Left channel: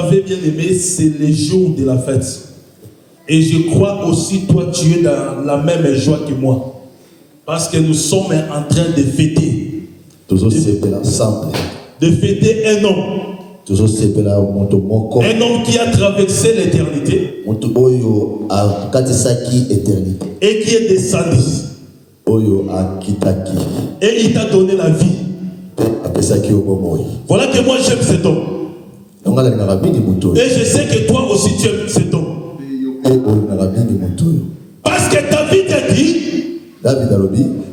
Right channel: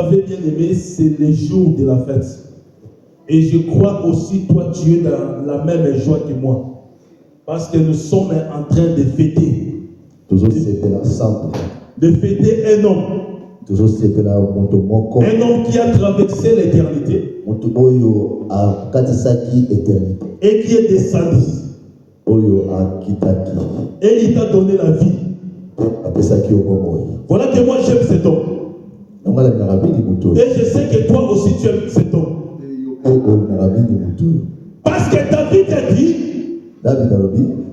avez bien aimé, c'est les jours de la fête. Et je crois aussi, toi, tu es dans la même joie que moi. Parce que nous sommes en train de fêter. De fêter un homme. Un homme qui a traversé l'éternité. Et qui est descendu. Et il t'a donné la vie. Voilà que moi j'aime cet homme. Et je sais que toi aussi tu aimes cet homme. Parce que David a dit,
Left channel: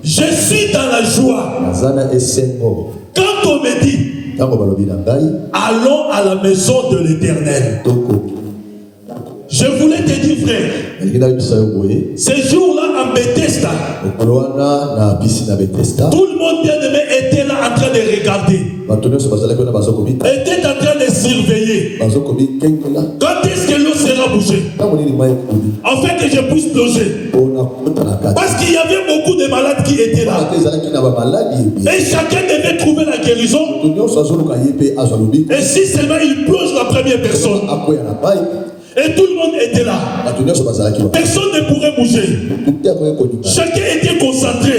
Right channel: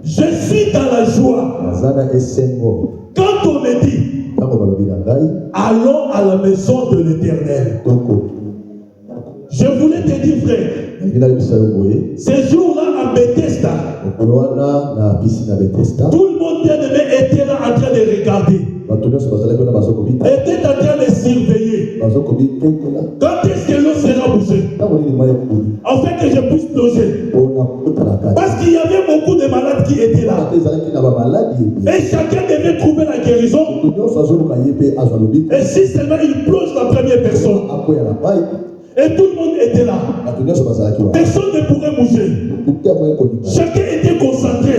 je suis dans la joie. Quand on me dit, allons à la maison de l'Éternel. Je voulais te dire, frère, ces jours-là en Bethesda, tout le monde bien aimé était là en train de regarder. Était en train de surveiller. Quand est-ce que l'eau sera bougée? En fait, que je puisse loger. Parce qu'il y avait beaucoup de malades qui étaient là. Et chacun devait trouver la guérison. Et si seulement il plonge la première personne. Et tout le monde était là. Personne ne pourrait bouger. Chacun était concentré.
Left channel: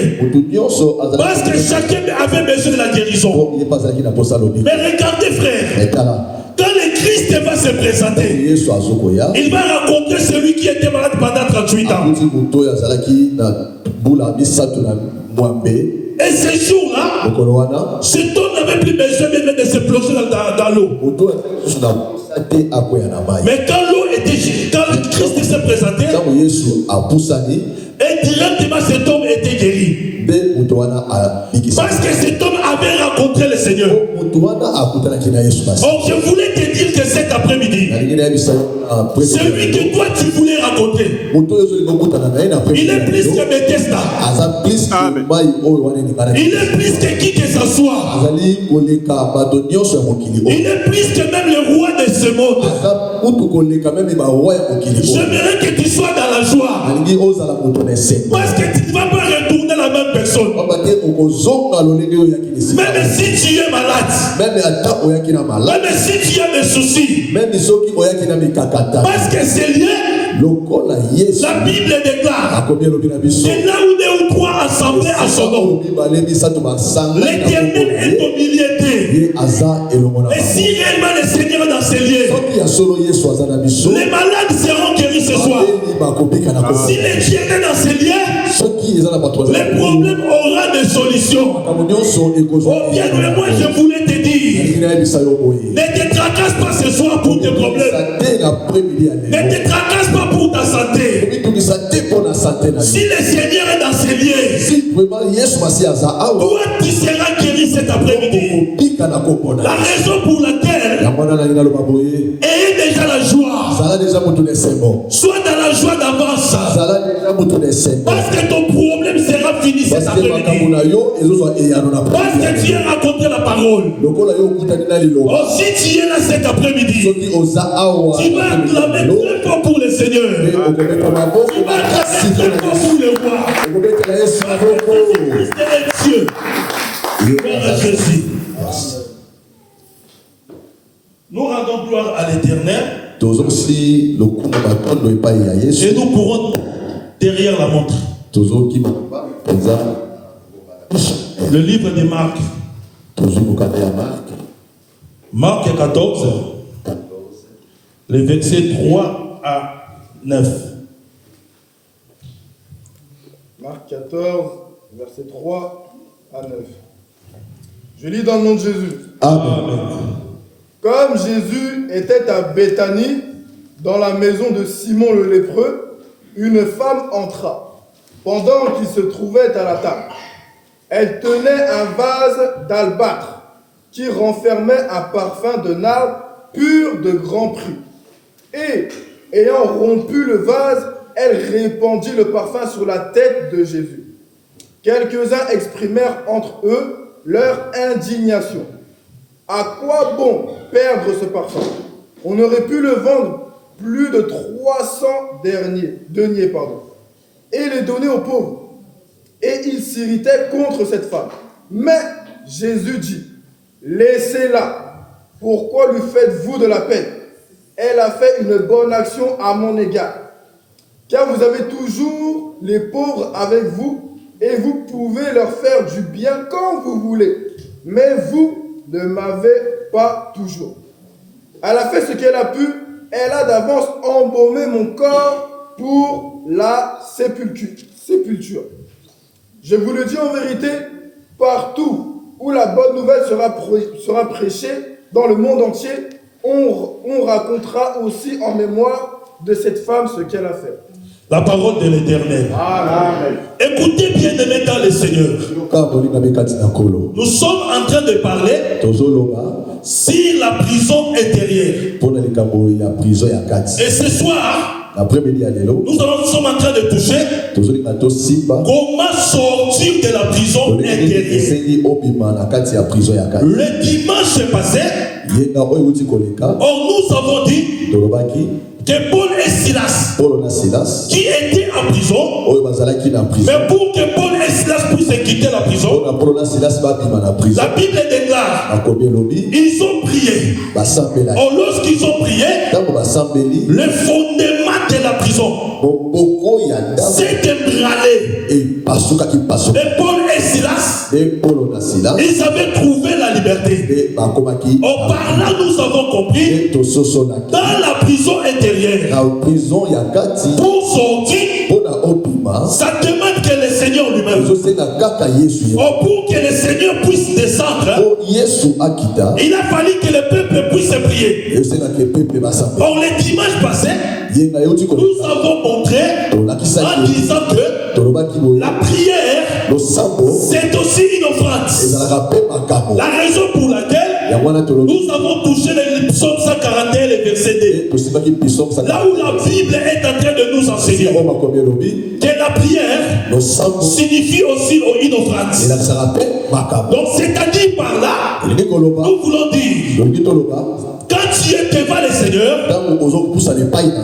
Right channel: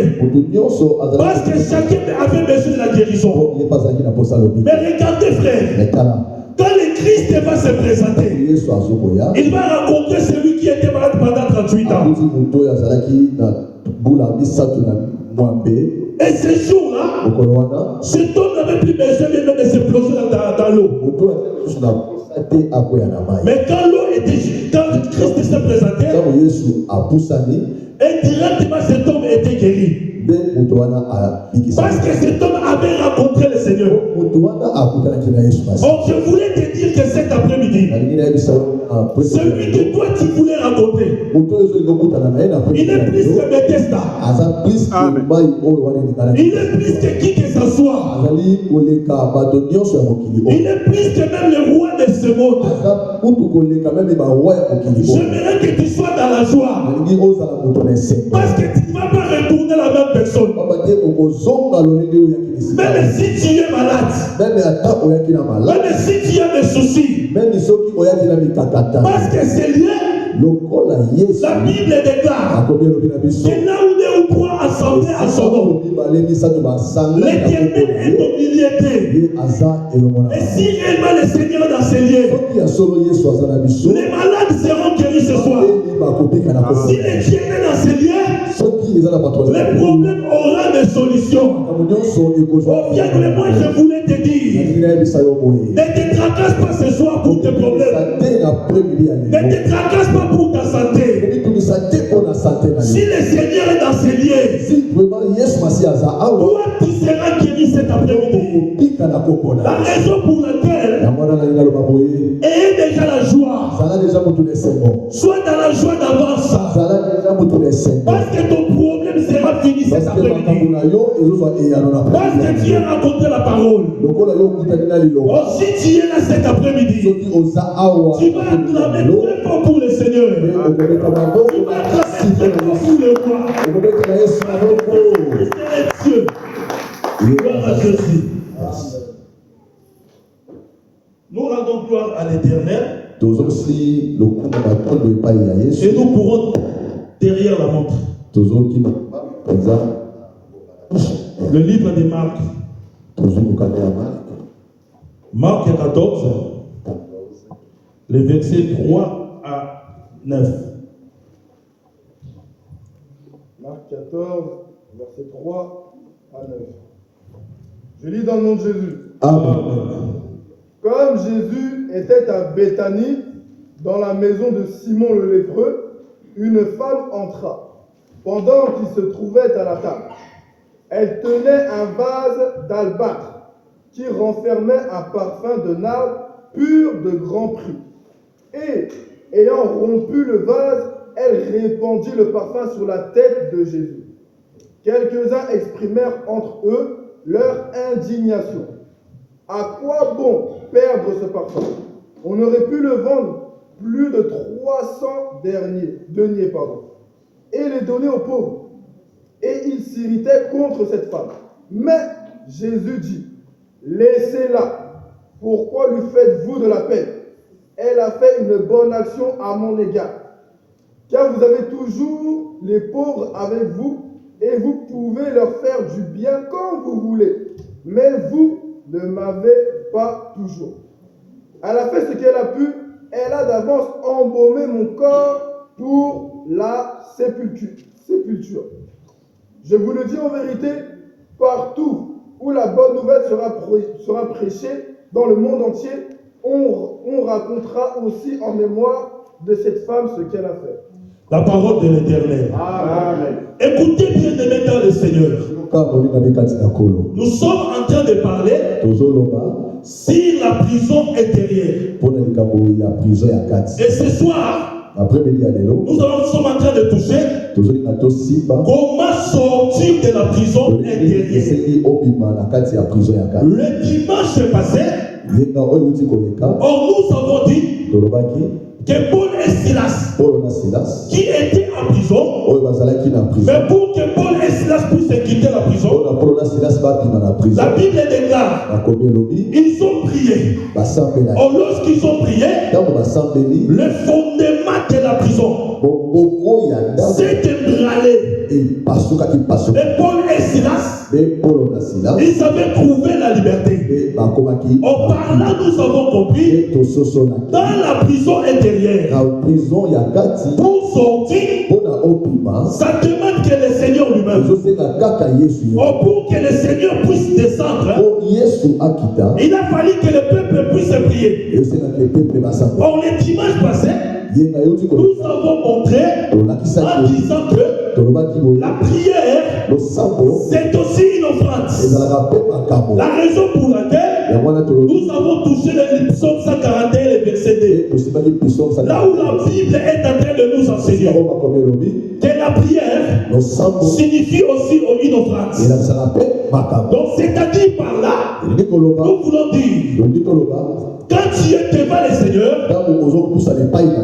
Parce que chacun avait besoin de la guérison. Mais regardez, frère. Quand le Christ va se présenter, il va rencontrer celui qui était malade pendant 38 ans. Et ce jour-là, cet homme n'avait plus besoin même de se plonger dans l'eau. Mais quand le Christ s'est présenté, et directement cet homme était guéri. Parce que cet homme avait rencontré le Seigneur. Donc je voulais te dire que cet après-midi, celui que toi tu voulais rencontrer, il est plus que Bethesda. Il est plus que qui que ce soit. Il est plus que même le roi de ce monde. J'aimerais que tu sois dans la joie. Parce que tu ne vas pas retourner la même personne. Même si tu es malade. Même si tu as des soucis. Parce que c'est lié. La Bible déclare c'est là où deux ou trois assemblés à son nom. L'Éternel est au milieu d'eux. Et si réellement le Seigneur est dans ces lieux, les malades seront guéris ce soir. Si l'Éternel est dans ces lieux, les problèmes auront des solutions. Oh bien, mais moi je voulais te dire, ne te tracasse pas ce soir pour tes problèmes. Ne te tracasse pas pour ta santé. Si le Seigneur est dans ces lieux, toi tu seras guéri cet après-midi. La raison pour laquelle ayez déjà la joie. Sois dans la joie d'avance. Parce que ton problème sera fini cet après-midi. Parce que tu as raconté la parole. Oh, si tu es là cet après-midi, tu vas acclamer très fort pour le Seigneur. Tu vas acclamer très fort pour le roi. Christ est Dieu. Gloire à Jésus. Nous rendons gloire à l'Éternel. Et nous pourrons derrière la montre. Le livre de Marc. Marc 14. Les versets 3 à 9. Marc 14, versets 3 à 9. Je lis dans le nom de Jésus. Amen. Comme Jésus était à Béthanie, dans la maison de Simon le lépreux, une femme entra, pendant qu'il se trouvait à la table. Elle tenait un vase d'albâtre, qui renfermait un parfum de nard pur de grand prix. Et, ayant rompu le vase, elle répandit le parfum sur la tête de Jésus. Quelques-uns exprimèrent entre eux leur indignation. À quoi bon perdre ce parfum? On aurait pu le vendre plus de 300 deniers, et les donner aux pauvres. Et ils s'irritaient contre cette femme. Mais Jésus dit, laissez-la. Pourquoi lui faites-vous de la peine? elle a fait une bonne action à mon égard. Car vous avez toujours les pauvres avec vous et vous pouvez leur faire du bien quand vous voulez. Mais vous ne m'avez pas toujours. Elle a fait ce qu'elle a pu. Elle a d'avance embaumé mon corps pour la sépulture. Je vous le dis en vérité, partout où la bonne nouvelle sera prêchée dans le monde entier, on racontera aussi en mémoire de cette femme ce qu'elle a fait. La parole de l'Éternel. Amen. Écoutez bien aimés dans le Seigneur. Nous sommes en train de parler sur la prison intérieure. Et ce soir, nous sommes en train de toucher comment sortir de la prison intérieure. Le dimanche passé, nous avons dit que Paul et Silas, qui étaient en prison, mais pour que Paul et Silas puissent quitter la prison, la Bible déclare, ils ont prié. Lorsqu'ils ont prié, le fondement de la prison s'est ébranlé. Mais Paul et Silas, ils avaient trouvé la liberté. En parlant, nous avons compris, dans la prison intérieure, pour sortir, ça demande que le Seigneur lui-même, pour que le Seigneur puisse descendre, il a fallu que le peuple puisse prier. Or, le dimanche passé, nous avons montré en disant que la prière, c'est aussi une offrande. La raison pour laquelle nous avons touché le psaume 141, le verset 2. Là où la Bible est en train de nous enseigner que la prière signifie aussi une offrande. Donc, c'est-à-dire par là, nous voulons dire, quand tu es devant le Seigneur,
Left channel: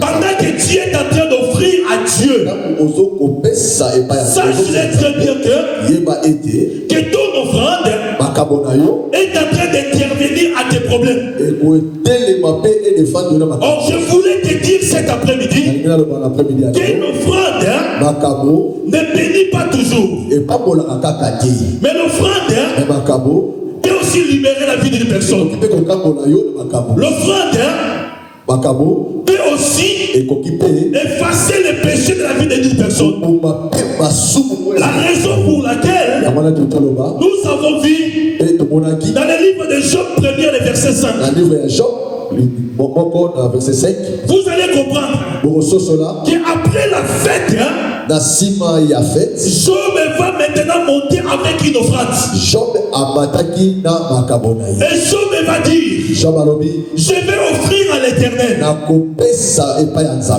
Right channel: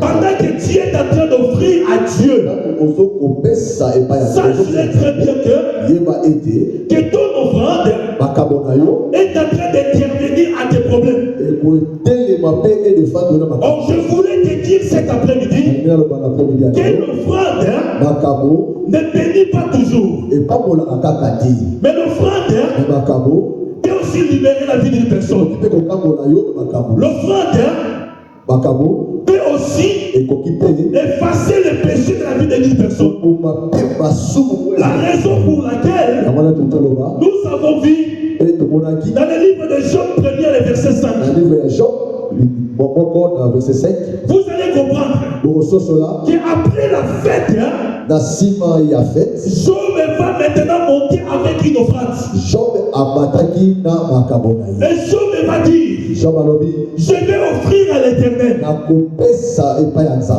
pendant que tu es en train d'offrir à Dieu, sache très bien que ton offrande est en train d'intervenir à tes problèmes. Donc je voulais te dire cet après-midi que l'offrande ne bénit pas toujours. Mais l'offrande peut aussi libérer la vie d'une personne. L'offrande peut aussi effacer le péché de la vie d'une personne. La raison pour laquelle nous avons vu dans le livre de Job 1er, le verset 5. Vous allez comprendre qu'après la fête, Job va maintenant monter avec une offrande. Et Job va dire, je vais offrir à l'Éternel.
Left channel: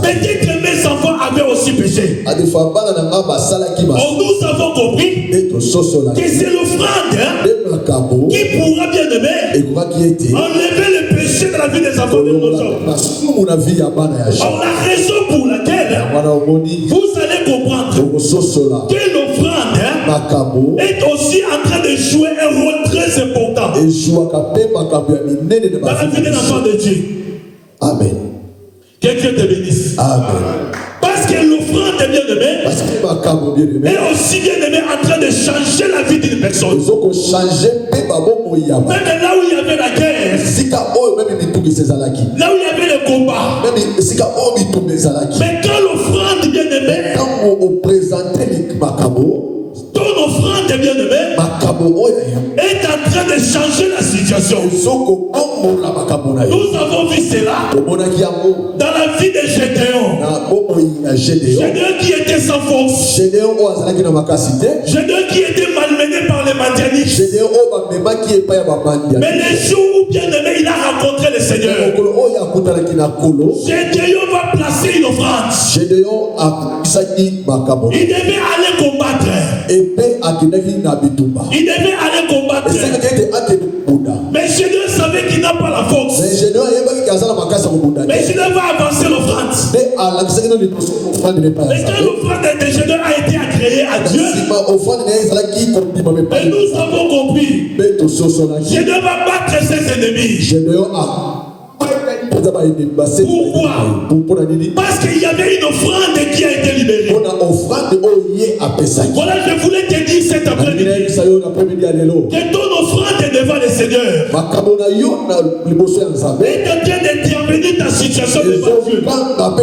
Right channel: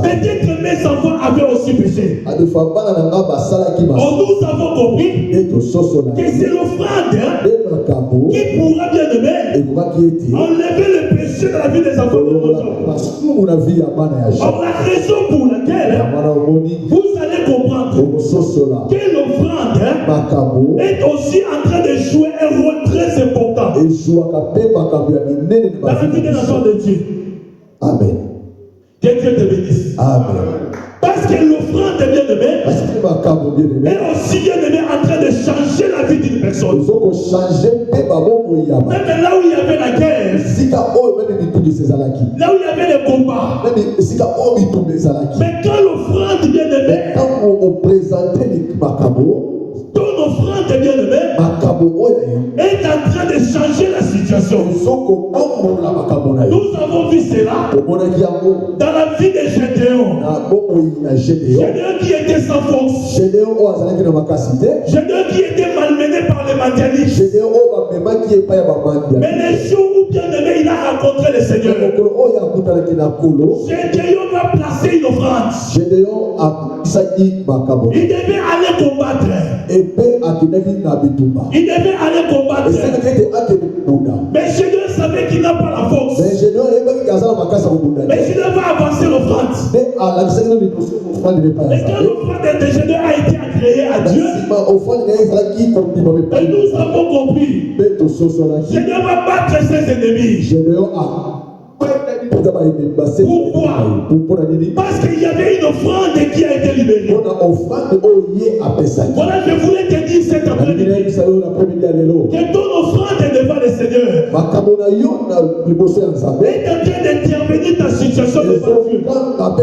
Peut-être mes enfants avaient aussi péché. Or, nous avons compris que c'est l'offrande qui pourra bien enlever le péché de la vie des enfants de nos hommes. Or, la raison pour laquelle vous allez comprendre que l'offrande est aussi en train de jouer un rôle très important dans la vie des enfants de Dieu. Amen. Que Dieu te bénisse. Amen. Parce que l'offrande est bien-aimé est aussi bien-aimé en train de changer la vie d'une personne. Même là où il y avait la guerre, là où il y avait le combat, mais quand l'offrande bien-aimé, ton offrande bien-aimé est en train de changer la situation. Nous avons vu cela dans la vie de Gédéon. Gédéon qui était sans force. Gédéon qui était malmené par les Madianites. Mais le jour où bien-aimé il a rencontré le Seigneur, Gédéon va placer une offrande. Il devait aller combattre. Il devait aller combattre. Mais Gédéon savait qu'il n'a pas la force. Mais Gédéon va avancer l'offrande. Mais quand l'offrande de Gédéon a été agréée à Dieu, mais nous avons compris, Gédéon va battre ses ennemis. Pourquoi? Parce qu'il y avait une offrande qui a été libérée. Voilà, je voulais te dire cet après-midi que ton offrande est devant le Seigneur. Et quand tu as d'intervenir ta situation devant Dieu, pendant que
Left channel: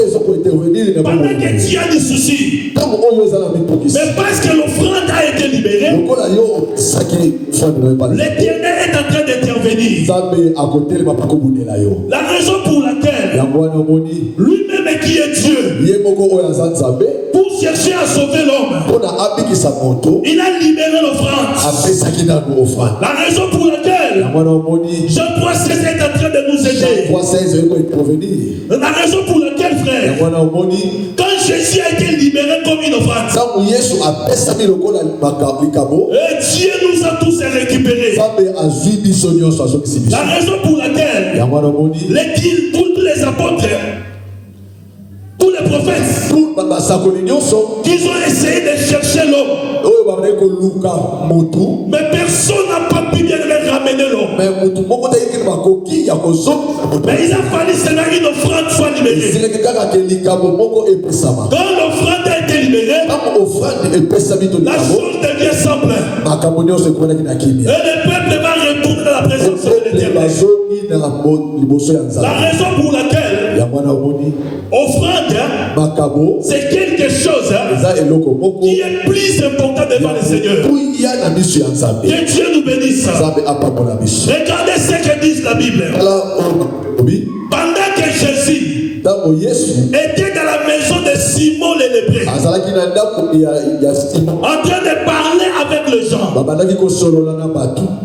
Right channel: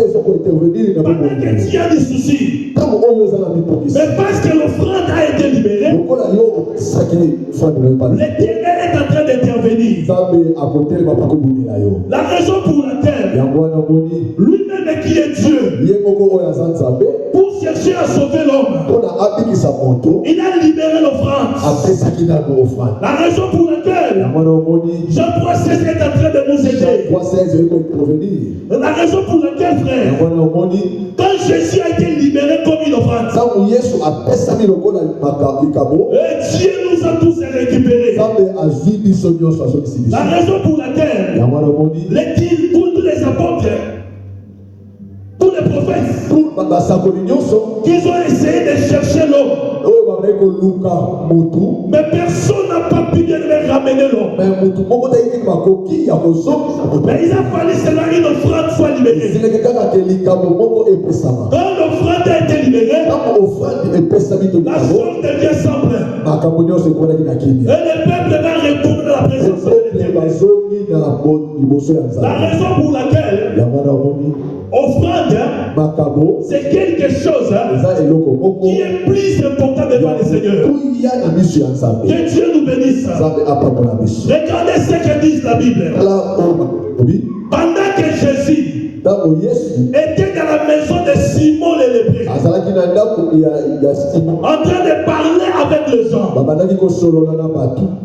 tu as des soucis, mais parce que l'offrande a été libérée, l'Éternel est en train d'intervenir. La raison pour laquelle lui-même qui est Dieu, pour chercher à sauver l'homme, il a libéré l'offrande. La raison pour laquelle Jean 3,16 est en train de nous aider. La raison pour laquelle, frère, quand Jésus a été libéré comme une offrande, Dieu nous a tous récupérés. La raison pour laquelle tous les apôtres, tous les prophètes, qu'ils ont essayé de chercher l'homme, mais personne n'a pas pu bien ramener l'homme. Mais il a fallu seulement une offrande soit libérée. Quand l'offrande a été libérée, la chose devient simple. Et le peuple va retourner dans la présence de l'Éternel. La raison pour laquelle offrande, c'est quelque chose qui est plus important devant le Seigneur. Que Dieu nous bénisse. Regardez ce que dit la Bible. Pendant que Jésus était dans la maison de Simon le lépreux, en train de parler avec les gens,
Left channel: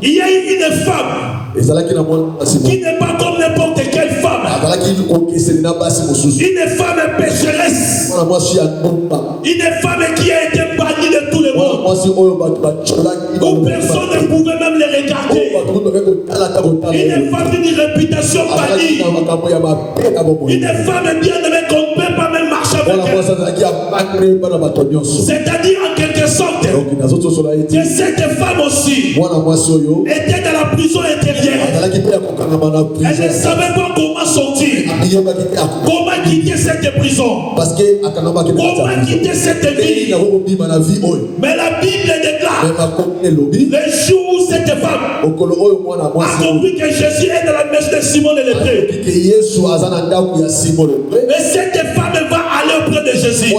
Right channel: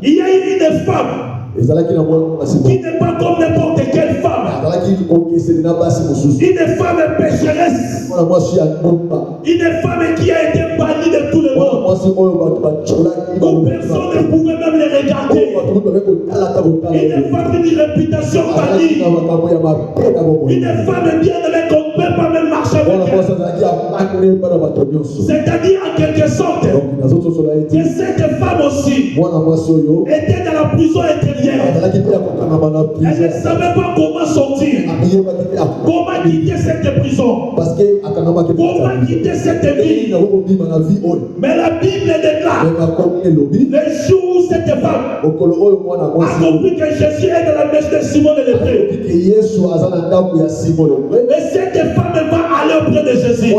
il y a eu une femme qui n'est pas comme n'importe quelle femme. Une femme pécheresse. Une femme qui a été bannie de tout le monde. Où personne ne pouvait même les regarder. Une femme d'une réputation bannie. Une femme bien aimée qu'on ne peut pas même marcher avec elle. C'est-à-dire en quelque sorte que cette femme aussi était dans la prison intérieure. Elle ne savait pas comment sortir. Comment quitter cette prison? Comment quitter cette vie? Mais la Bible déclare le jour où cette femme a compris que Jésus est dans la maison de Simon le lépreux. Mais cette femme va aller auprès de Jésus.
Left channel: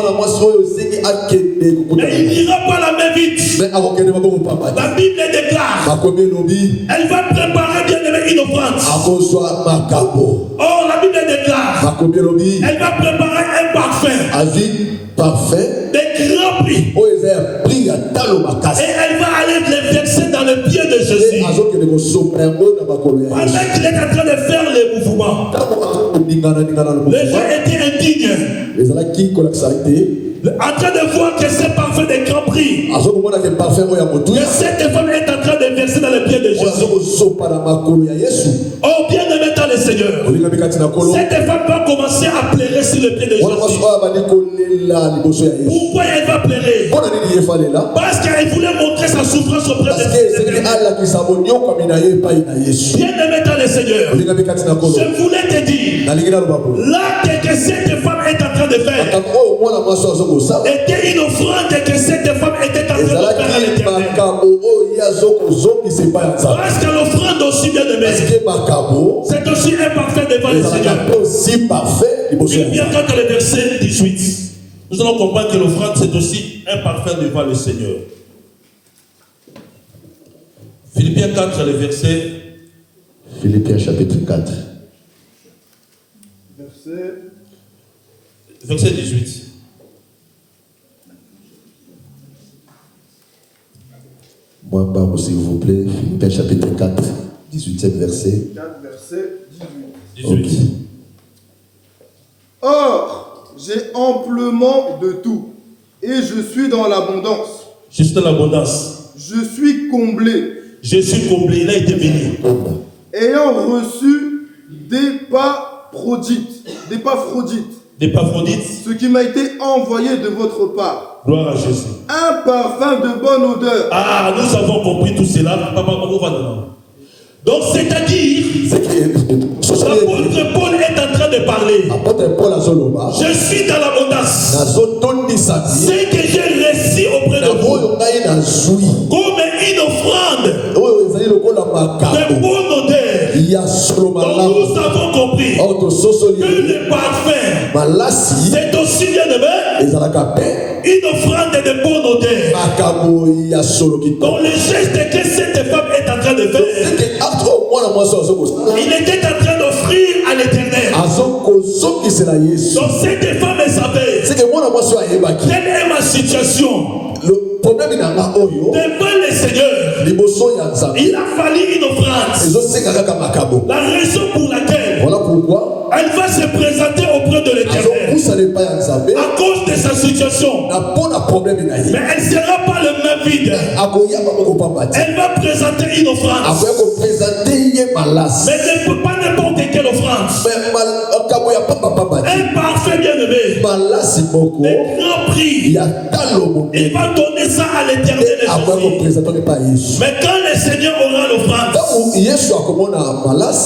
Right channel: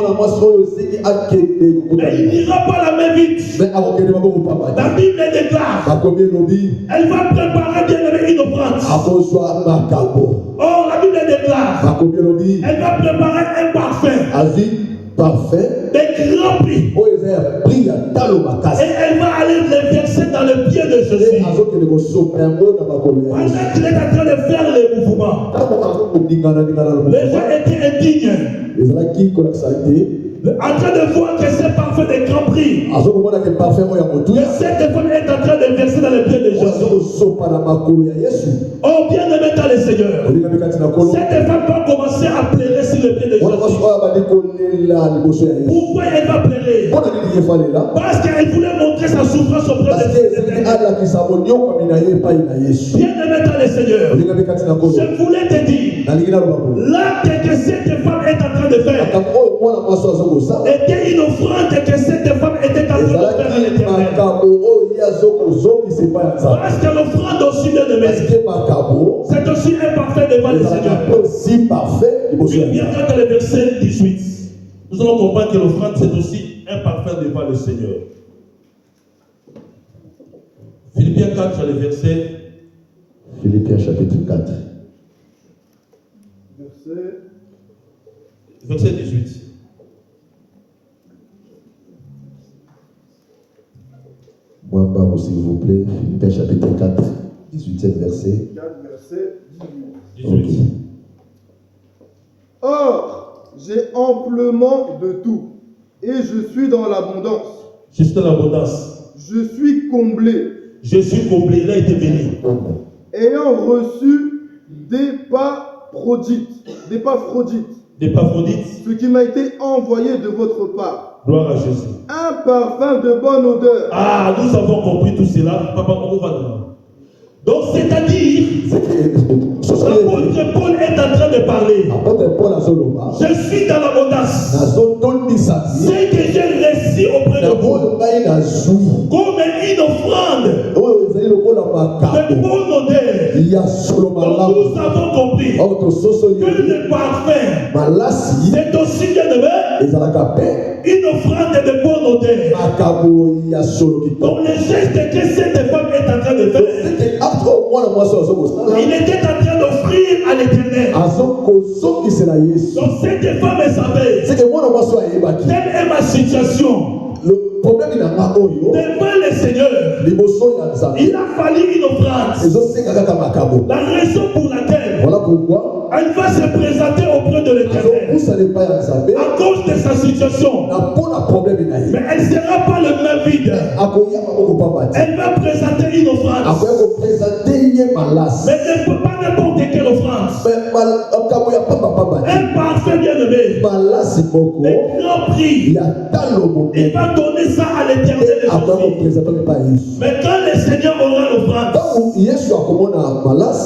Mais il n'ira pas la main vite. La Bible déclare elle va préparer bien aimé une offrande. Oh, la Bible déclare elle va préparer un parfum. Des grands prix. Et elle va aller les verser dans le pied de Jésus. Pendant qu'il est en train de faire les mouvements, les gens étaient indignes. En train de voir que ce parfum de grand prix, que cette femme est en train de verser dans le pied de Jésus. Oh, bien aimé dans le Seigneur, cette femme va commencer à pleurer sur le pied de Jésus. Pourquoi elle va pleurer? Parce qu'elle voulait montrer sa souffrance auprès de Jésus. Bien aimé dans le Seigneur, je voulais te dire, l'acte que cette femme est en train de faire était une offrande que cette femme était en train de faire à l'Éternel. Parce que l'offrande aussi, bien aimé, c'est aussi un parfait devant le Seigneur. Philippiens 4, le verset 18. Nous allons comprendre que l'offrande, c'est aussi un parfum devant le Seigneur. Philippiens 4, le verset. Philippiens chapitre 4. Verset 18. Moi, s'il vous plaît, Philippiens chapitre 4, 18e verset. 4, verset 18. Okay. Or, j'ai amplement de tout, et je suis dans l'abondance. Juste l'abondance. Je suis comblé. Je suis comblé, il a été béni. Ayant reçu des Épaphrodites, ce qui m'a été envoyé de votre part. Gloire à Jésus. Un parfum de bonne odeur. Ah, nous avons compris tout cela. Donc, c'est-à-dire, l'apôtre Paul est en train de parler. Je suis dans l'abondance. Ce que j'ai reçu auprès de vous, comme une offrande de bonne odeur, dont nous avons compris que le parfum, c'est aussi bien aimé, une offrande de bonne odeur. Dans le geste que cette femme est en train de faire, il était en train d'offrir à l'Éternel. Donc cette femme savait quelle est ma situation. Devant le Seigneur, il a fallu une offrande. La raison pour laquelle elle va se présenter auprès de l'Éternel à cause de sa situation. Mais elle ne sera pas le même vide. Elle va présenter une offrande. Mais ne peut pas n'importe quelle offrande. Un parfait bien-aimé. Le grand prix. Il va donner ça à l'Éternel. Mais quand le Seigneur aura l'offrande,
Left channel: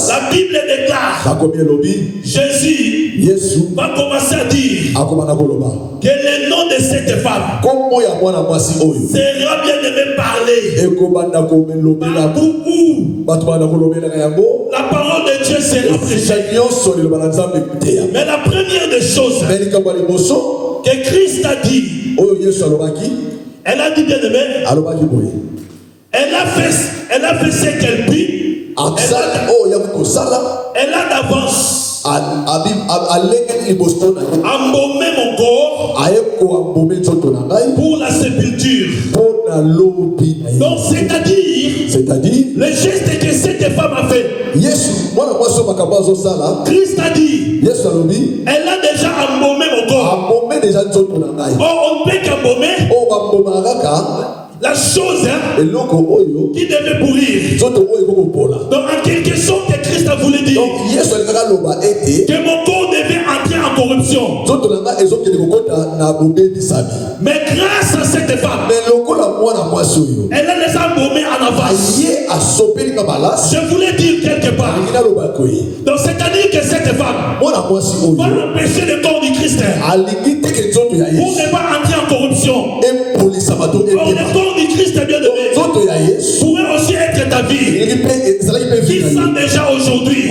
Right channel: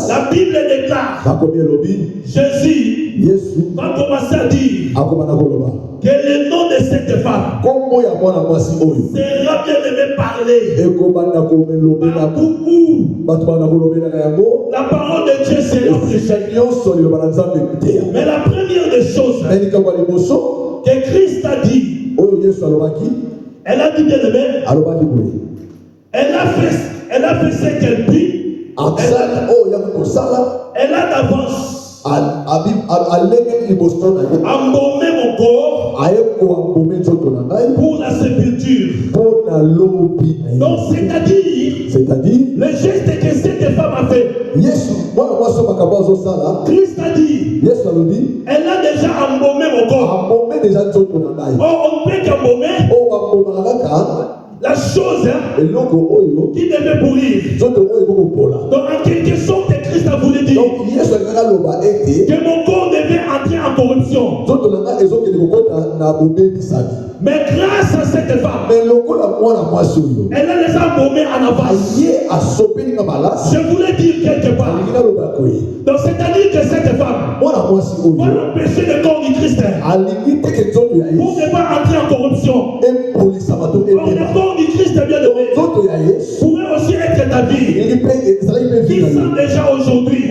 la Bible déclare, Jésus va commencer à dire que le nom de cette femme sera bien aimé parler partout où la parole de Dieu sera prêchée. Mais la première des choses que Christ a dit, elle a dit bien aimé, elle a fait ce qu'elle dit. Elle a d'avance embaumé mon corps pour la sépulture. Donc c'est-à-dire le geste que cette femme a fait. Christ a dit, elle a déjà embaumé mon corps. Or on ne peut qu'embaumer la chose qui devait pourrir. Donc en quelque sorte Christ a voulu dire que mon corps devait entrer en corruption. Mais grâce à cette femme, elle a les embaumés en avance. Je voulais dire quelque part. Donc c'est-à-dire que cette femme va empêcher le corps du Christ pour ne pas entrer en corruption. Or le corps du Christ bien aimé pourrait aussi être ta vie, qui sent déjà aujourd'hui,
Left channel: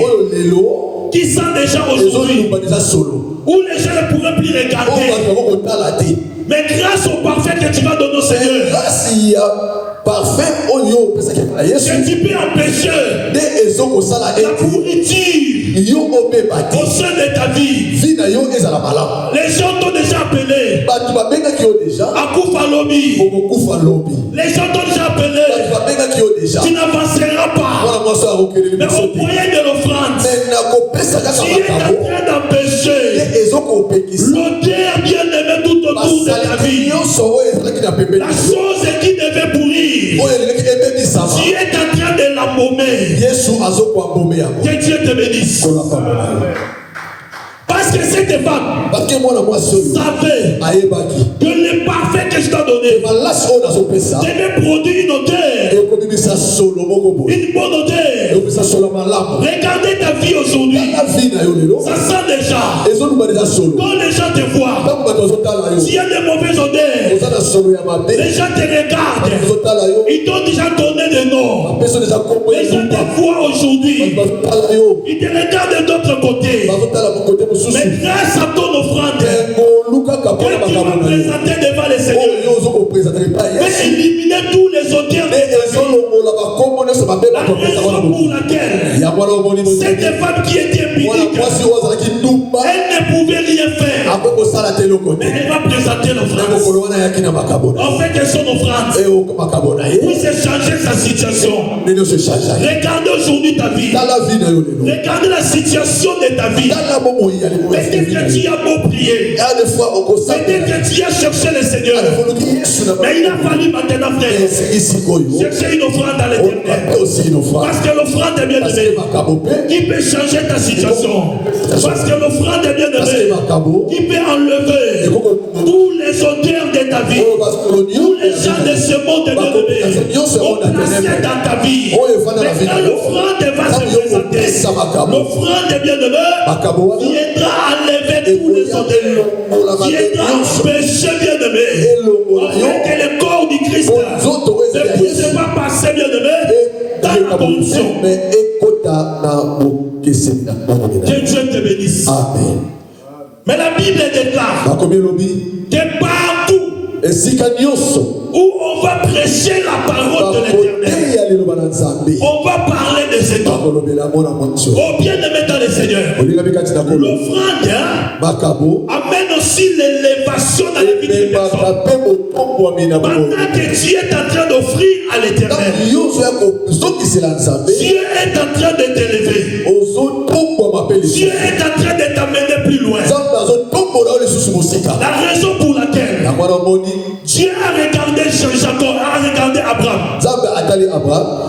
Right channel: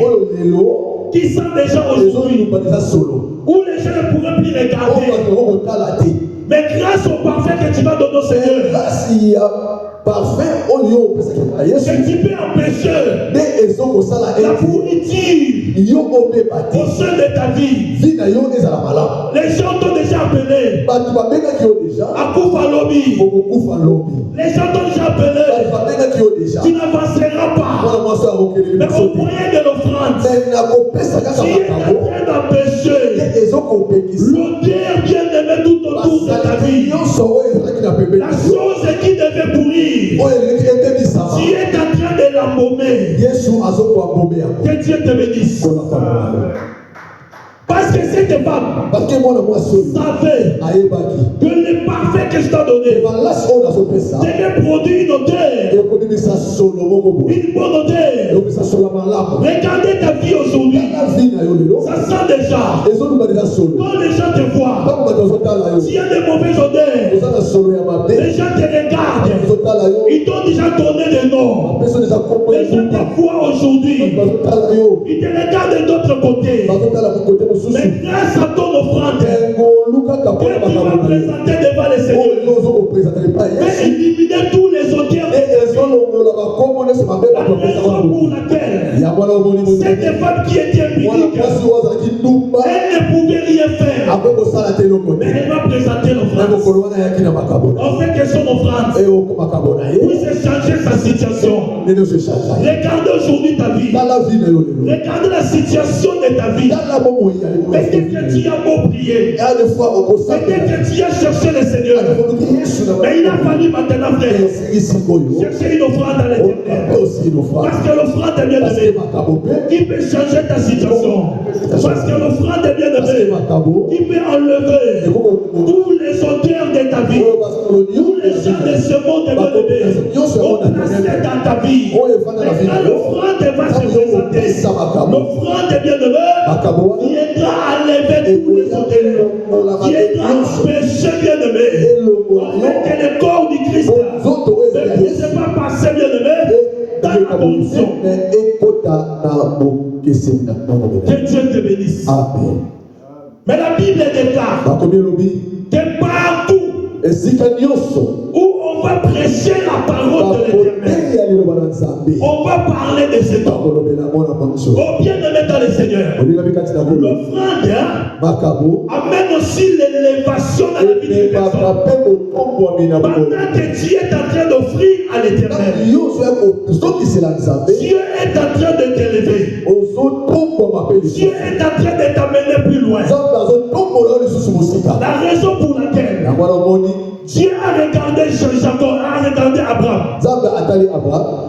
où les gens ne pourraient plus regarder. Mais grâce au parfum que tu vas donner au Seigneur, que tu peux empêcher la pourriture au sein de ta vie. Les gens t'ont déjà appelé Akufa Lobi. Les gens t'ont déjà appelé. Tu n'avanceras pas. Mais au moyen de l'offrande, tu es en train d'empêcher l'odeur bien aimée tout autour de ta vie. La chose qui devait pourrir, tu es en train de l'embaumer. Que Dieu te bénisse. Parce que cette femme savait que le parfait que je t'ai donné devait produire une odeur, une bonne odeur. Regardez ta vie aujourd'hui, ça sent déjà. Quand les gens te voient, s'il y a des mauvaises odeurs, les gens te regardent. Ils t'ont déjà donné des noms. Les gens te voient aujourd'hui, ils te regardent d'autre côté. Mais grâce à ton offrande que tu vas présenter devant les seigneurs, mais éliminer tous les odeurs de ta vie. La raison pour laquelle cette femme qui était pudique, elle ne pouvait rien faire, mais elle va présenter l'offrande. En fait que son offrande puisse changer sa situation. Regardez aujourd'hui ta vie. Regardez la situation de ta vie. Peut-être que tu as beau prier, peut-être que tu as cherché le Seigneur, mais il a fallu maintenant frère chercher une offrande à l'Éternel. Parce que l'offrande est bien aimée qui peut changer ta situation. Parce que l'offrande est bien aimée qui peut enlever tous les odeurs de ta vie, tous les gens de ce monde bien aimé sont placés dans ta vie. Mais quand l'offrande va se présenter, l'offrande est bien aimée viendra enlever tous les odeurs, viendra empêcher, bien-aimé, afin que le corps du Christ ne puisse pas passer, bien-aimé, dans la corruption. Que Dieu te bénisse. Amen. Mais la Bible déclare que partout où on va prêcher la parole de l'Éternel, on va parler de cet homme. Oh bien-aimé dans le Seigneur, l'offrande amène aussi l'élévation dans la vie d'une personne. Pendant que tu es en train d'offrir à l'Éternel, Dieu est en train de t'élever. Dieu est en train de t'amener plus loin. La raison pour laquelle Dieu a regardé Jacob, a regardé Abraham.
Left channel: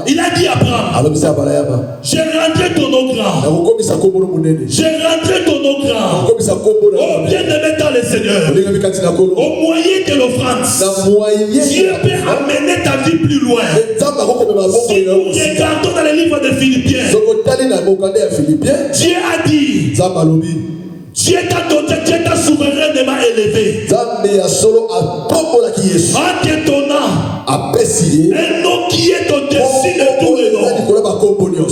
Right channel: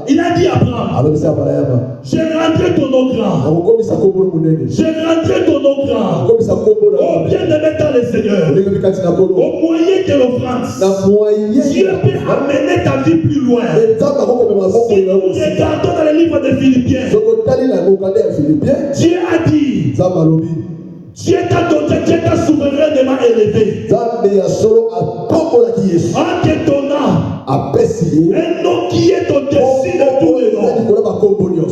Il a dit Abraham, j'ai rentré ton nom grand. J'ai rentré ton nom grand. Oh bien-aimé dans le Seigneur, au moyen de l'offrande, Dieu peut amener ta vie plus loin. Si nous regardons dans le livre de Philippiens, Dieu a dit, Dieu t'a souverainement élevé en te donnant un nom qui est au-dessus de tous les noms.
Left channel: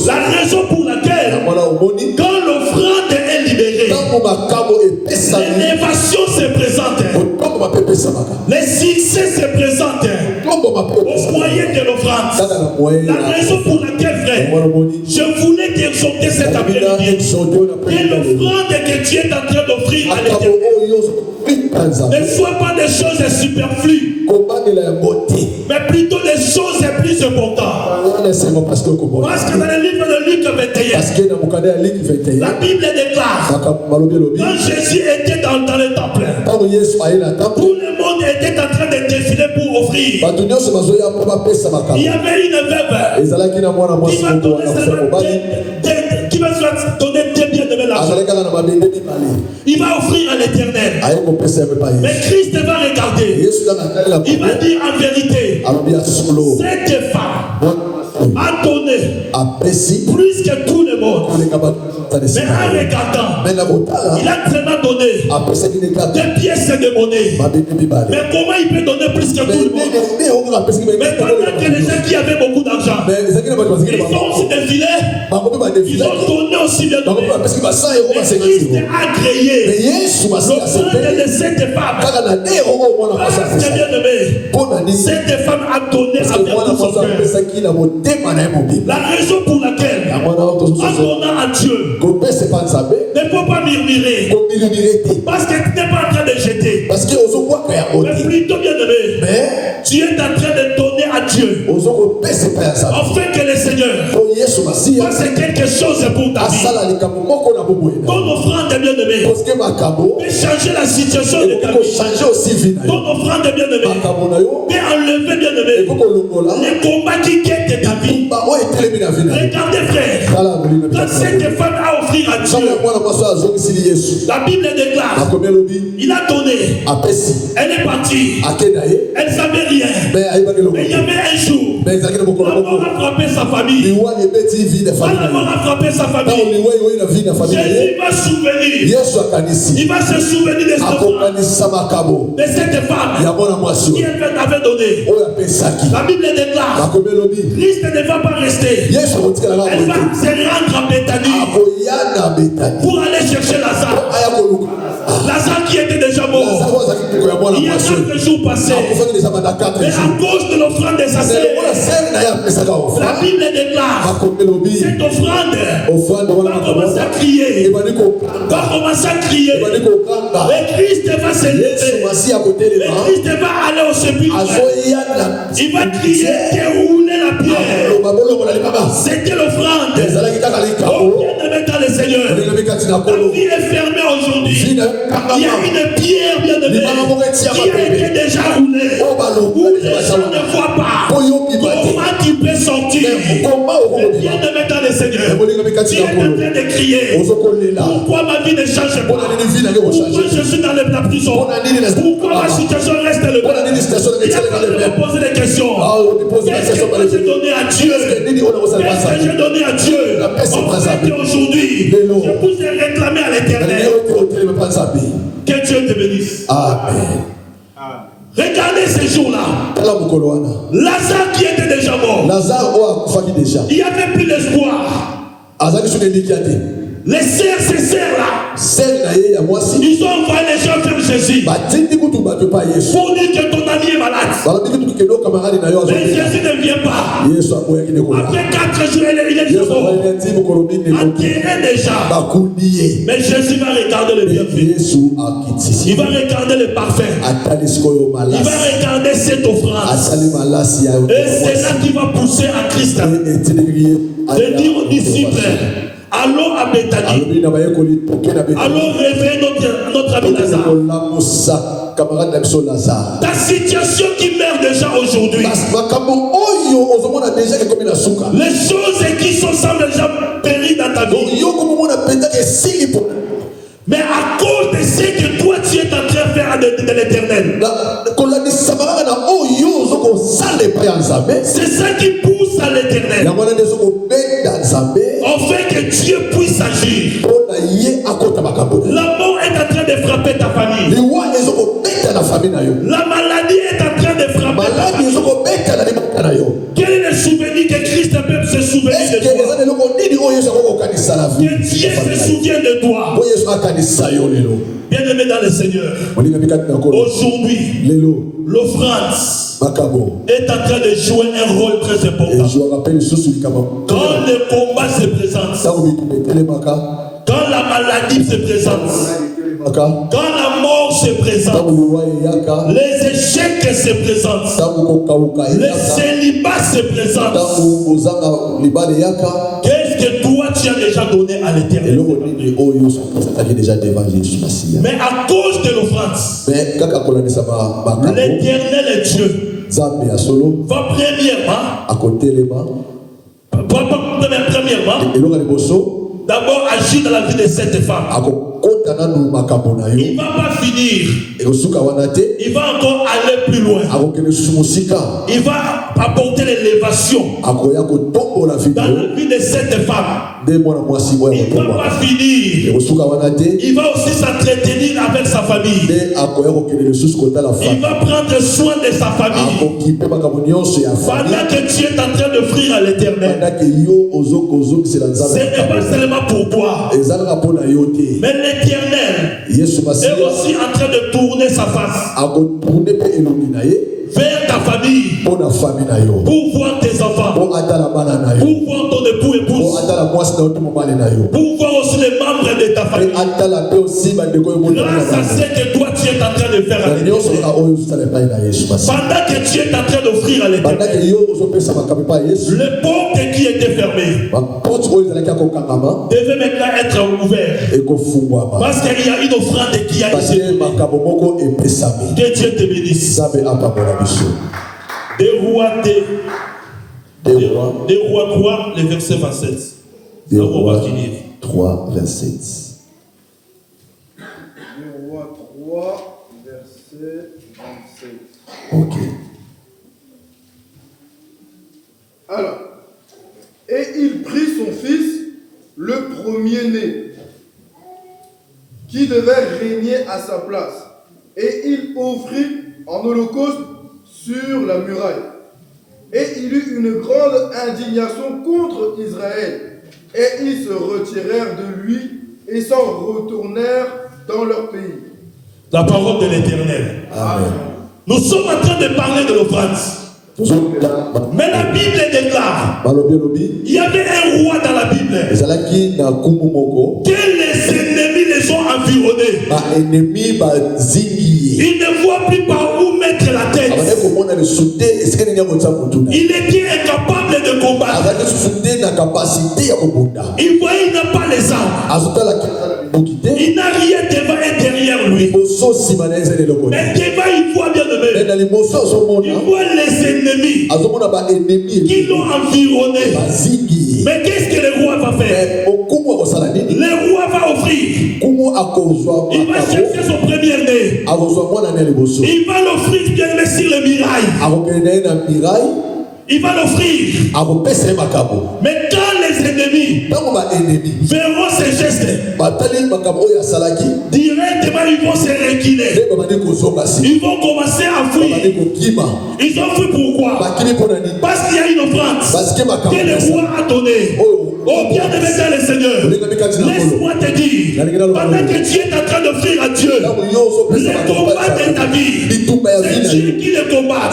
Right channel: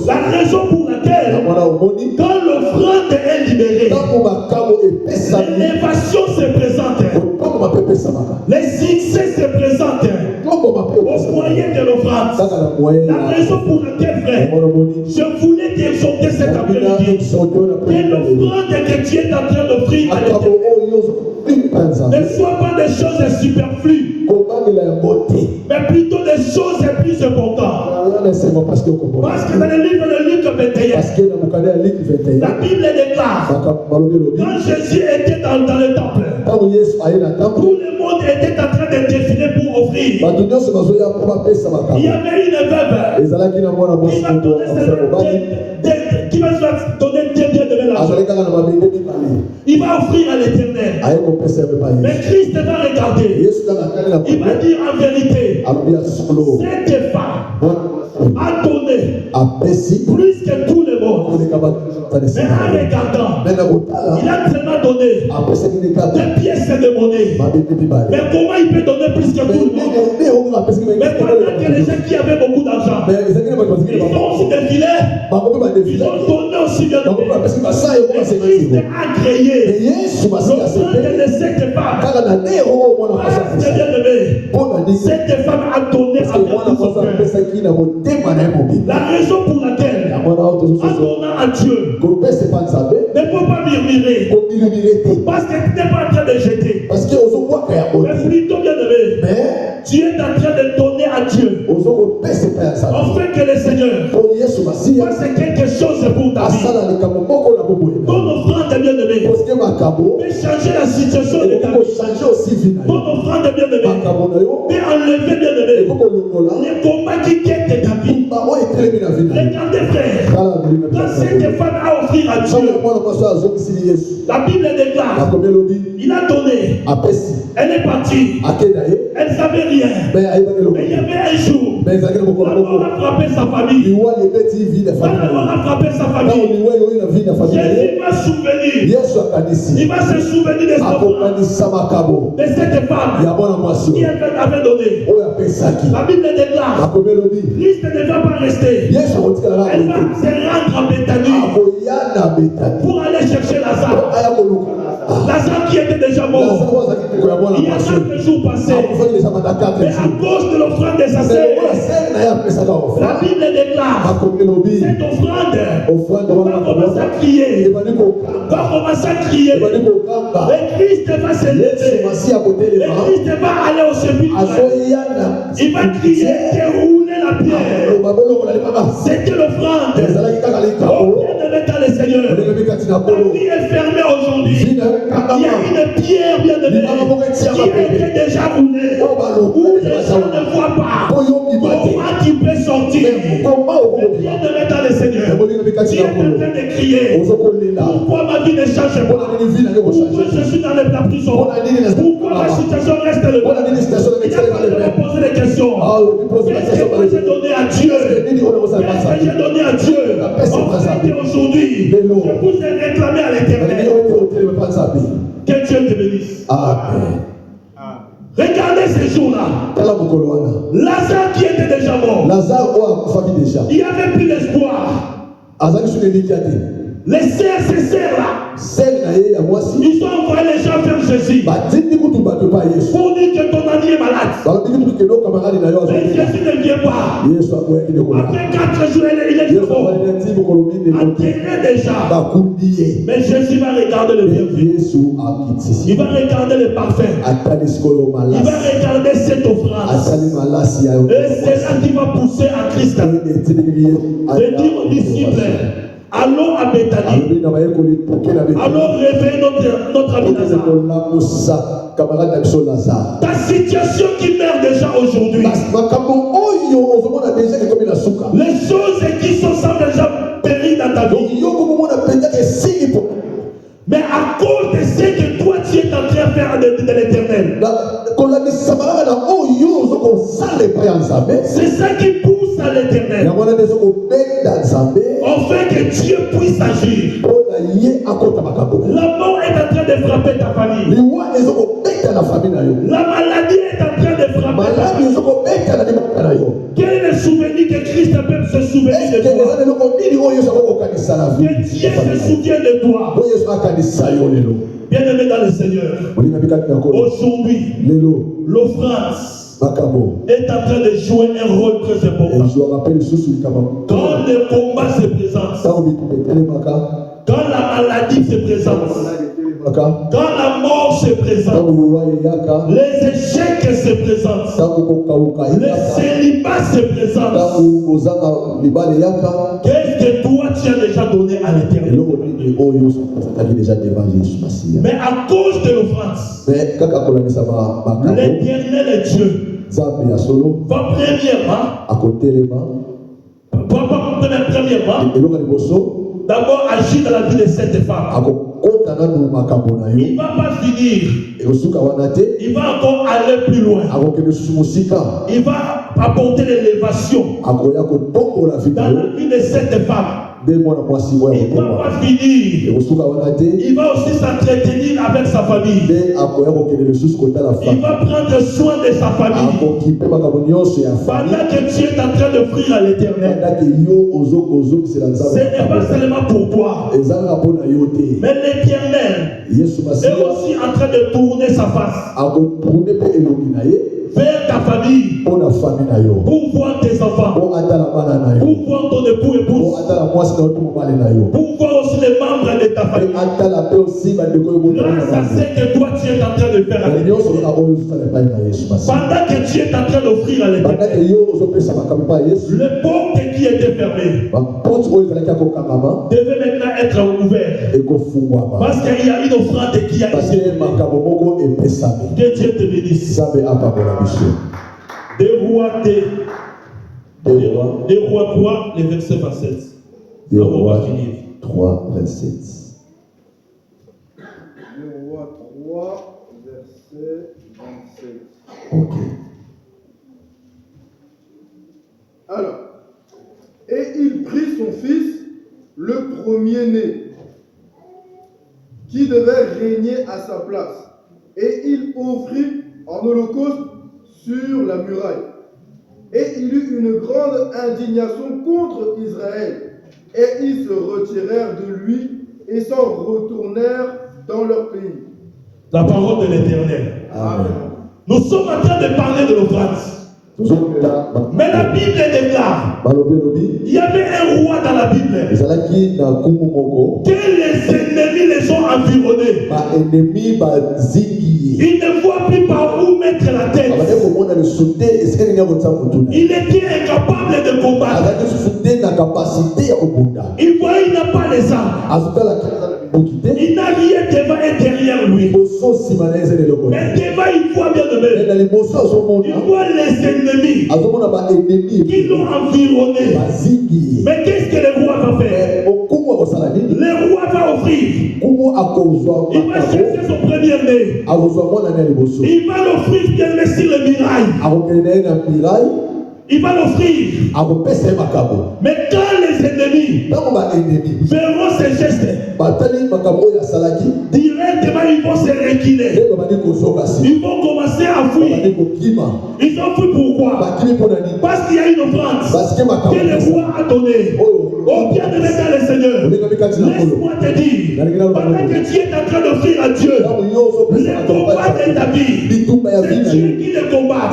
La raison pour laquelle, quand l'offrande est libérée, l'élévation se présente, les succès se présentent au moyen de l'offrande. La raison pour laquelle, frère, je voulais t'exhorter cet après-midi que l'offrande que tu es en train d'offrir à l'Éternel ne soit pas des choses superflues, mais plutôt des choses plus importantes. Parce que dans le livre de Luc 21, la Bible déclare, quand Jésus était dans le temple, tout le monde était en train de défiler pour offrir. Il y avait une veuve qui va donner des biens de l'argent. Il va offrir à l'Éternel. Mais Christ va regarder. Il va dire en vérité, cette femme a donné plus que tout le monde. Mais en regardant, il a tellement donné des pièces de monnaie. Mais comment il peut donner plus que tout le monde? Mais pendant que les gens qui avaient beaucoup d'argent, ils ont aussi défilé, ils ont donné aussi bien donné. Mais Christ a créé l'offrande de cette femme. Parce que bien aimé, cette femme a donné avec tout son cœur. La raison pour laquelle, en donnant à Dieu, ne faut pas murmurer. Parce que tu n'es pas en train de jeter. Mais plutôt bien aimé, tu es en train de donner à Dieu. Afin que le Seigneur fasse quelque chose pour ta vie. Ton offrande bien aimé peut changer la situation de ta vie. Ton offrande bien aimé peut enlever bien aimé les combats qui quittent ta vie. Regardez frère, quand cette femme a offert à Dieu, la Bible déclare, il a donné, elle est partie, elle ne savait rien, mais il y avait un jour, la mort a frappé sa famille, la mort a frappé sa famille. Jésus va souvenir, il va se souvenir de cette femme qui avait donné. La Bible déclare, Christ ne va pas rester, elle va se rendre en Béthanie pour aller chercher Lazare. Lazare qui était déjà mort il y a 4 jours passés, mais à cause de l'offrande des assassins, la Bible déclare, cette offrande va commencer à crier, et Christ va se lever, et Christ va aller au sépulcre, il va crier, dérouler la pierre. C'était l'offrande. Oh, bien-aimé dans le Seigneur, ta vie est fermée aujourd'hui. Il y a une pierre, bien-aimé, qui a été déjà roulée, où les gens ne voient pas. Comment tu peux sortir? Bien-aimé dans le Seigneur, tu es en train de crier, pourquoi ma vie ne change pas? Pourquoi je suis dans la prison? Pourquoi ma situation reste le même? Il a fallu me poser des questions. Qu'est-ce que moi j'ai donné à Dieu? Qu'est-ce que j'ai donné à Dieu? En fait, aujourd'hui, je vous ai réclamé à l'Éternel. Ils ont envoyé les gens vers Jésus pour dire que ton ami est malade. Mais Jésus ne vient pas. Après 4 jours, il est enterré déjà. Mais Jésus va regarder le bienfait. Il va regarder le parfum. Il va regarder cette offrande. Et c'est là qu'il va pousser à Christ de dire aux disciples, allons à Bethanie. Allons réveiller notre ami Lazare. Ta situation qui meurt déjà aujourd'hui, les choses qui sont semblent déjà périr dans ta vie, mais à cause de ce que toi tu es en train de faire de l'éternel, c'est ça qui pousse à l'éternel, afin que Dieu puisse agir. La mort est en train de frapper ta famille. La maladie est en train de frapper ta famille. Quel est le souvenir que Christ peut se souvenir de toi? Que Dieu se souvienne de toi. Bien-aimé dans le Seigneur, aujourd'hui, l'offrande est en train de jouer un rôle très important. Quand le combat se présente, quand la maladie se présente, quand la mort se présente, les échecs se présentent, le célibat se présente, qu'est-ce que toi tu as déjà donné à l'éternel? Mais à cause de l'offrande, l'éternel Dieu va premièrement d'abord agir dans la vie de cette femme. Il ne va pas finir. Il va encore aller plus loin. Il va apporter l'élévation dans la vie de cette femme. Il ne va pas finir. Il va aussi s'entretenir avec sa famille. Il va prendre soin de sa famille. Pendant que tu es en train d'offrir à l'éternel, ce n'est pas seulement pour toi, mais l'éternel est aussi en train de tourner sa face vers ta famille pour voir tes enfants, pour voir ton époux, épouse, pour voir aussi les membres de ta famille. Grâce à ce que toi tu es en train de faire à l'éternel, pendant que tu es en train d'offrir à l'éternel, les portes qui étaient fermées devaient maintenant être ouvertes, parce qu'il y a une offrande qui a été donnée. Que Dieu te bénisse. Des rois 3, le verset 27. Des rois 3, verset. Des rois 3, verset 27. Ok. Alors, et il prit son fils, le premier-né, qui devait régner à sa place, et il offrit en holocauste sur la muraille. Et il eut une grande indignation contre Israël, et ils se retirèrent de lui et s'en retournèrent dans leur pays. La parole de l'Éternel. Amen. Nous sommes en train de parler de l'offrande. Mais la Bible déclare, il y avait un roi dans la Bible que les ennemis les ont environnés. Ils ne voient plus par où mettre la tête. Il était incapable de combattre. Il voyait, il n'a pas les armes. Il n'a rien devant et derrière lui. Mais devant, il voit bien de même. Il voit les ennemis qui l'ont environné. Mais qu'est-ce que le roi va faire? Le roi va offrir. Il va chercher son premier-né. Il va l'offrir bien sur le mirail. Il va l'offrir. Mais quand les ennemis verront ces gestes, directement ils vont se reculer. Ils vont commencer à fuir. Ils ont fui pourquoi? Parce qu'il y a une offrande que le roi a donnée. Oh bien-aimé dans le Seigneur, laisse-moi te dire, pendant que tu tu es en train d'offrir à Dieu, les combats de ta vie, c'est Dieu qui les combat.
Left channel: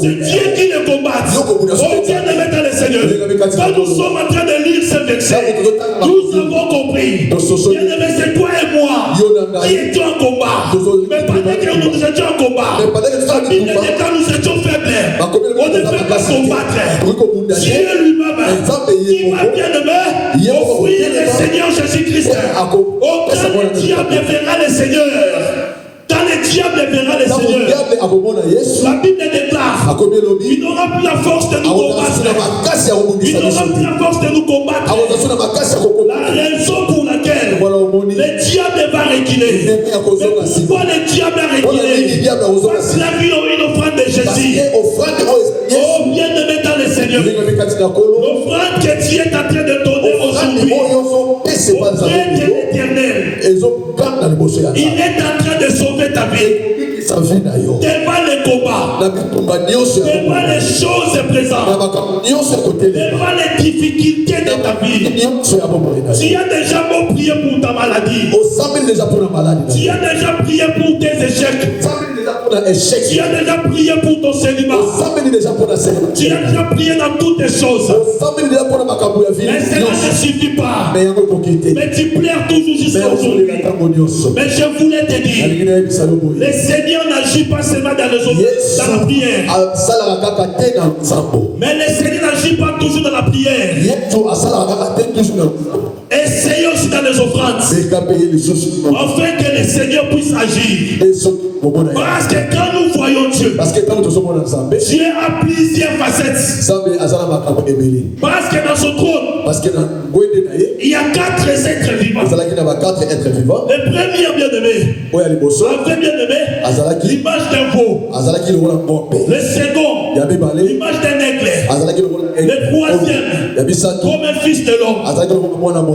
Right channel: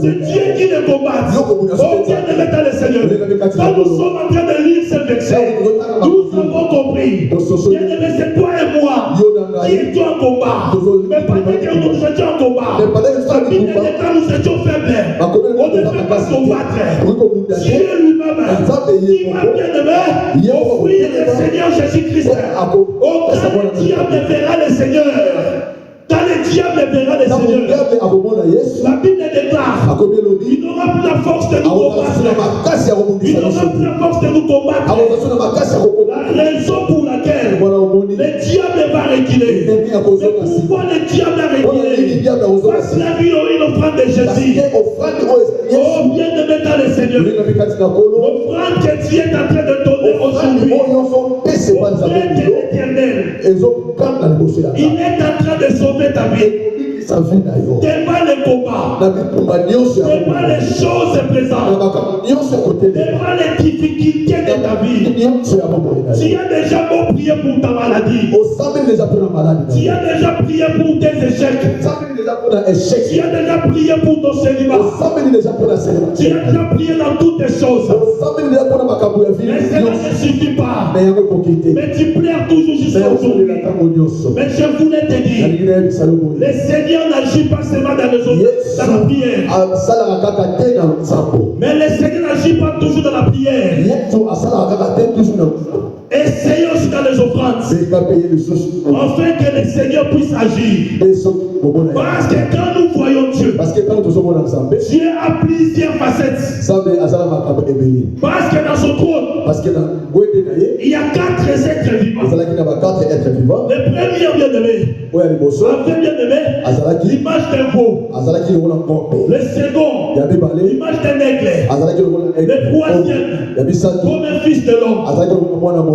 C'est Dieu qui les combat. Oh bien-aimé dans le Seigneur, quand nous sommes en train de lire ce verset, nous avons compris. Bien-aimé, c'est toi et moi qui étions en combat. Mais pendant que nous étions en combat, la Bible dit quand nous étions faibles, on ne fait pas combattre. Dieu lui-même, qui m'a bien-aimé, offrir le Seigneur Jésus-Christ. Oh, quand le diable verra le Seigneur, quand le diable verra le Seigneur, la Bible déclare, il n'aura plus la force de nous combattre. Il n'aura plus la force de nous combattre. La raison pour laquelle le diable va reculer. Mais pourquoi le diable a reculé? Parce qu'il a vu une offrande de Jésus. Oh, bien-aimé dans le Seigneur, l'offrande que Dieu est en train de donner aujourd'hui, auprès de l'Éternel, il est en train de sauver ta vie. Devant les combats, devant les choses présentes, devant les difficultés de ta vie, tu as déjà beau prier pour ta maladie, tu as déjà prié pour tes échecs, tu as déjà prié pour ton célibat, tu as déjà prié dans toutes les choses, mais cela ne suffit pas. Mais tu pleures toujours jusqu'à aujourd'hui. Mais je voulais te dire, le Seigneur n'agit pas seulement dans la prière, mais le Seigneur n'agit pas toujours dans la prière. Essayez aussi dans les offrandes, afin que le Seigneur puisse agir. Parce que quand nous voyons Dieu, Dieu a plusieurs facettes. Parce que dans son trône, il y a 4 êtres vivants. Le premier bien-aimé, avait bien-aimé l'image d'un veau. Le second, l'image d'un aigle. Le troisième, comme un fils de l'homme.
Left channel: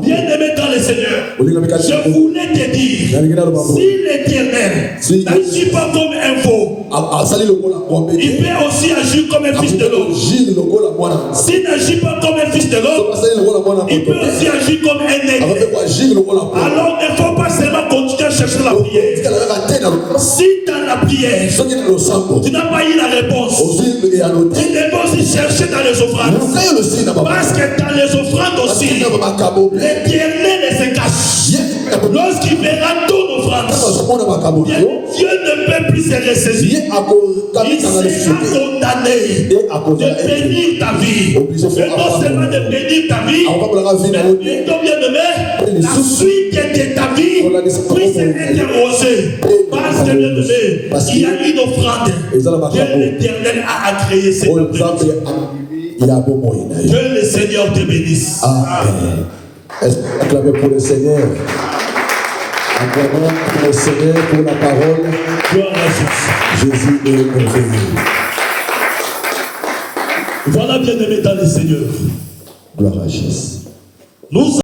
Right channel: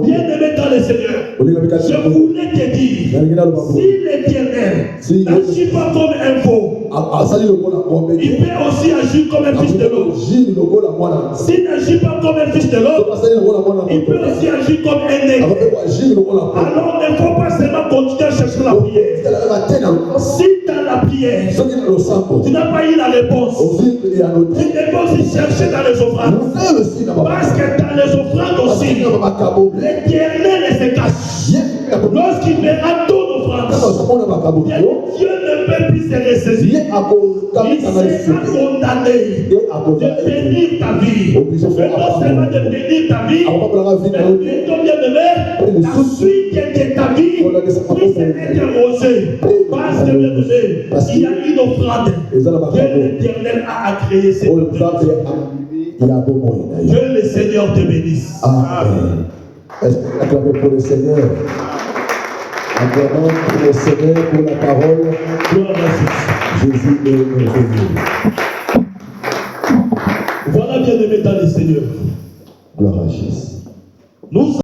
Bien-aimé dans le Seigneur, je voulais te dire, si l'Éternel n'agit pas comme un veau, il peut aussi agir comme un fils de l'homme. S'il n'agit pas comme un fils de l'homme, il peut aussi agir comme un aigle. Alors il ne faut pas seulement continuer à chercher la prière. Si dans la prière, tu n'as pas eu la réponse, tu devais aussi chercher dans les offrandes. Parce que dans les offrandes aussi, l'Éternel se cache. Lorsqu'il verra ton offrande, Dieu ne peut plus se ressaisir. Il sera condamné de bénir ta vie. Et non seulement de bénir ta vie, mais plutôt bien-aimé, la suite de ta vie puisse être rosée. Parce que bien-aimé, il y a une offrande que l'Éternel a créée. C'est que le Seigneur te bénisse. Amen. Est-ce que vous acclamez pour le Seigneur? Acclamons pour le Seigneur, pour la parole. Gloire à Jésus. Jésus est merveilleux. Voilà, bien-aimé dans le Seigneur. Gloire à Jésus. Nous